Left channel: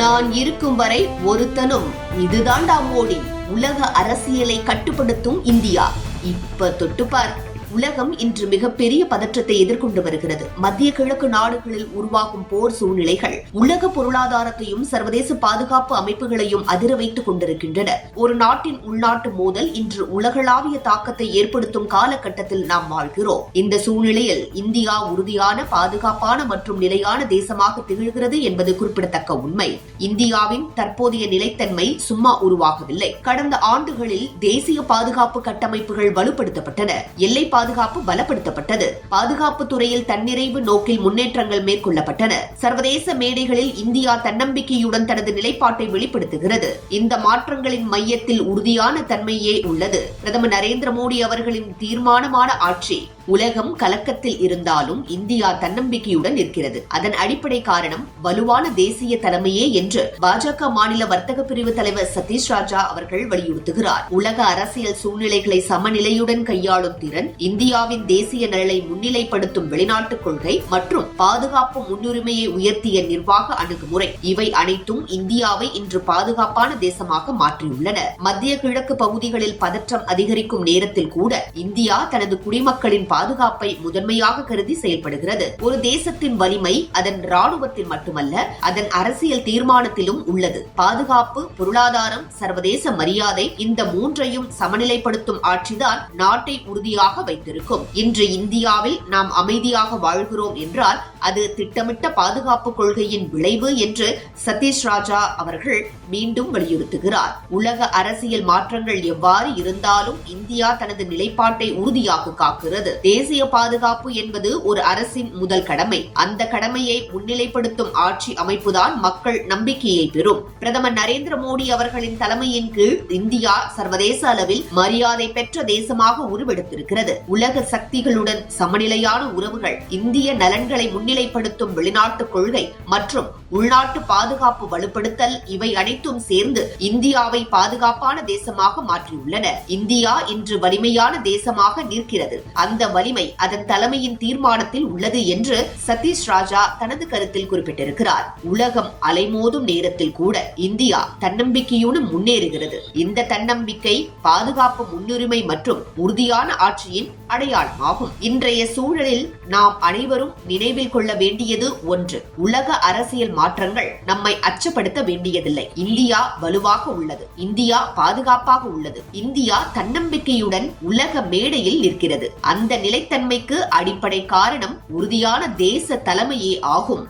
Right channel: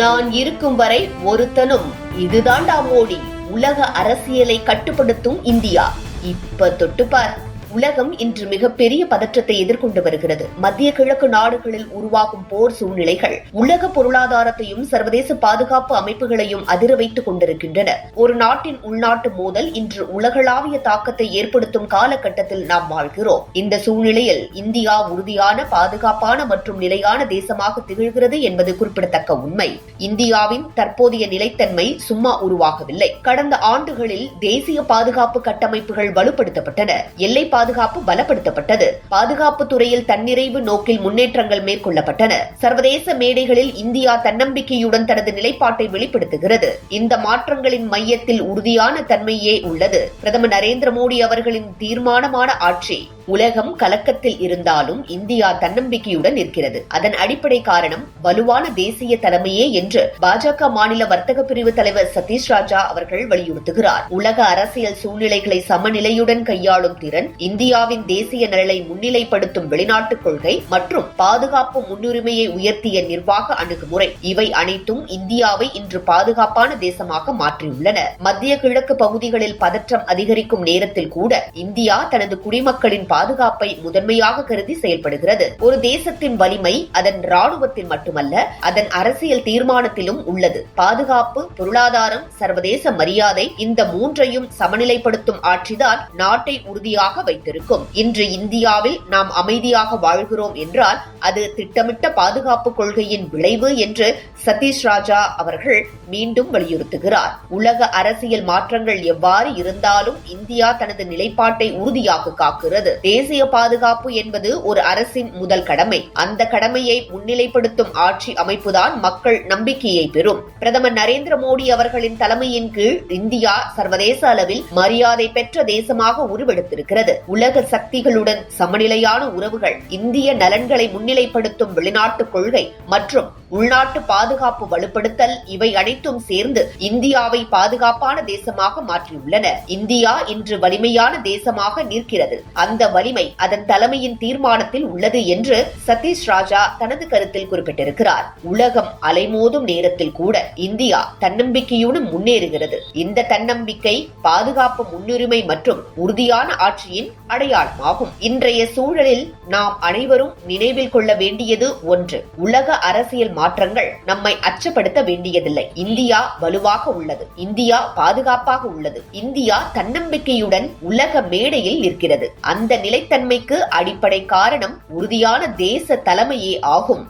நான் இருக்கும் வரை ஒருத்தனும் இதுதான்டா மோடி. உலக அரசியலை கட்டுப்படுத்தும் இந்தியா. இப்ப தொட்டுப்பார். உலகம் இன்று மிகப்பெரிய பதற்றத்தை எதிர்கொண்டு வருகிறது. மத்திய கிழக்கு நாடுகளில் உருவாகும் போர் சூழ்நிலைகள் உலக பொருளாதாரத்தையும் சர்வதேச பாதுகாப்பு அமைப்புகளையும் அதிர வைத்துக் கொண்டிருக்கின்றன. ஒரு நாட்டின் உள்நாட்டு மோதல் இன்று உலகளாவிய தாக்கத்தை ஏற்படுத்தும் காலகட்டத்தில் நாம் வாழ்கிறோம். இந்த சூழ்நிலையில் இந்தியா உறுதியான, பாதுகாப்பான மற்றும் நிலையான தேசமாக திகழ்கிறது என்பது குறிப்பிடத்தக்க உண்மை. இந்தியாவின் தற்போதைய நிலைத்தன்மை சும்மா உருவாகவில்லை. கடந்த ஆண்டுகளில் தேசிய பாதுகாப்பு கட்டமைப்புகள் வலுப்படுத்தப்பட்டன. எல்லை பாதுகாப்பு பலப்படுத்தப்பட்டது. பாதுகாப்பு துறையில் தன்னிறைவு நோக்கில் முன்னேற்றங்கள் மேற்கொள்ளப்பட்டன. சர்வதேச மேடைகளில் இந்தியா தன்னம்பிக்கையுடன் தனது நிலைப்பாட்டை வெளிப்படுத்துகிறது. இந்த மாற்றங்களின் மையத்தில் உறுதியான தன்மையே உள்ளது. பிரதமர் நரேந்திர மோடி அவர்களின் தீர்மானமான ஆட்சி. உலகம் கலக்கத்தில் இருந்தாலும் இந்தியா தன்னம்பிக்கையுடன் இருக்கிறது. அதன் அடிப்படை காரணம் வலுவான தேசிய தலைமையே என்று பாஜக மாநில வர்த்தக பிரிவு தலைவர் சதீஷ் ராஜா அவர்கள் வலியுறுத்துகிறார். உலக அரசியல் சூழ்நிலைகளை சமநிலையுடன் கையாளும் திறன், இந்தியாவின் தேசிய நலனை முன்னிலைப்படுத்தும் வெளிநாட்டுக் கொள்கை மற்றும் பாதுகாப்பு முன்னுரிமையை உயர்த்திய நிர்வாக அணுகுமுறை, இவை அனைத்தும் இந்தியாவை இன்று பாதுகாப்பான தேசமாக மாற்றியுள்ளன. மத்திய கிழக்கு பகுதிகளில் பதற்றம் அதிகரிக்கும் நேரத்தில் கூட இந்தியா தனது குடிமக்களின் பாதுகாப்பை முதன்மையாக கருதி செயல்படுகிறது. ஒரு தேசத்தின் வலிமை அதன் ராணுவத்தில் மட்டுமல்ல, அதன் அரசியல் தீர்மானத்திலும் உள்ளது. பாதுகாப்பு, பொருளாதாரம், சர்வதேச மரியாதை, இந்த மூன்றையும் சமநிலைப்படுத்தும் ஆட்சிதான் நாட்டை உறுதியாக வைத்திருக்கும். இன்று இந்தியாவில் நாம் அமைதியாக வாழ்கிறோம் என்றால் அது திட்டமிட்ட பாதுகாப்பு கொள்கையின் விளைவு என்று சதீஷ் ராஜா அவர்கள் மீண்டும் வலியுறுத்துகிறார். உலக அரசியல் மாற்றங்கள் எவ்வாறு இருந்தாலும் இந்தியா தனது நிலைப்பாட்டை உறுதியாக காக்கிறது. தேசிய பாதுகாப்பு என்பது ஒரு அரசின் முதல் கடமை. அந்த கடமையை முன்னிலைப்படுத்தும் ஆட்சி அமைப்புதான் மக்கள் நம்பிக்கையை பெறும். பிரதமர் நரேந்திர மோடி அவர்களின் தலைமையின் கீழ் இந்தியா சர்வதேச அளவில் மரியாதை பெற்ற தேசமாக உருவெடுத்திருக்கிறது. உலக சக்திகளுடன் சமநிலையான உறவுகள், இந்திய நலன்களை முன்னிலைப்படுத்தும் வெளிநாட்டு கொள்கை மற்றும் உள்நாட்டு பாதுகாப்பு வலுப்படுத்தல், இவை அனைத்தும் சேர்ந்து இந்தியாவை பாதுகாப்பான தேசமாக மாற்றியுள்ளன. இந்தியா இன்று வலிமையான தேசமாக நிற்கிறது. அந்த வலிமை அதன் தலைமையின் தீர்மானத்தில் உள்ளது என்று சதீஷ் ராஜா தனது கருத்தில் குறிப்பிட்டிருக்கிறார். உலகம் அலைமோதும் நேரத்தில் கூட இந்தியா தன்னம்பிக்கையுடன் முன்னேறுகிறது. இந்த தன்னம்பிக்கை பாதுகாப்பு முன்னுரிமை மற்றும் உறுதியான ஆட்சியின் அடையாளமாகும். இன்றைய சூழலில் நாம் அனைவரும் நினைவில் கொள்ள வேண்டியது ஒன்று: உலக அரசியல் மாற்றங்கள் நம்மை அச்சப்படுத்த வேண்டியதில்லை. இந்தியா வலுவாக உள்ளது. இந்தியா பாதுகாப்பாக உள்ளது. இந்தியா தன்னம்பிக்கையுடன் உலக மேடையில் நிற்கிறது. அந்த நிலைத்தன்மைக்கு அடிப்படை காரணம் உறுதியான தேச தலைமையே ஆகும்.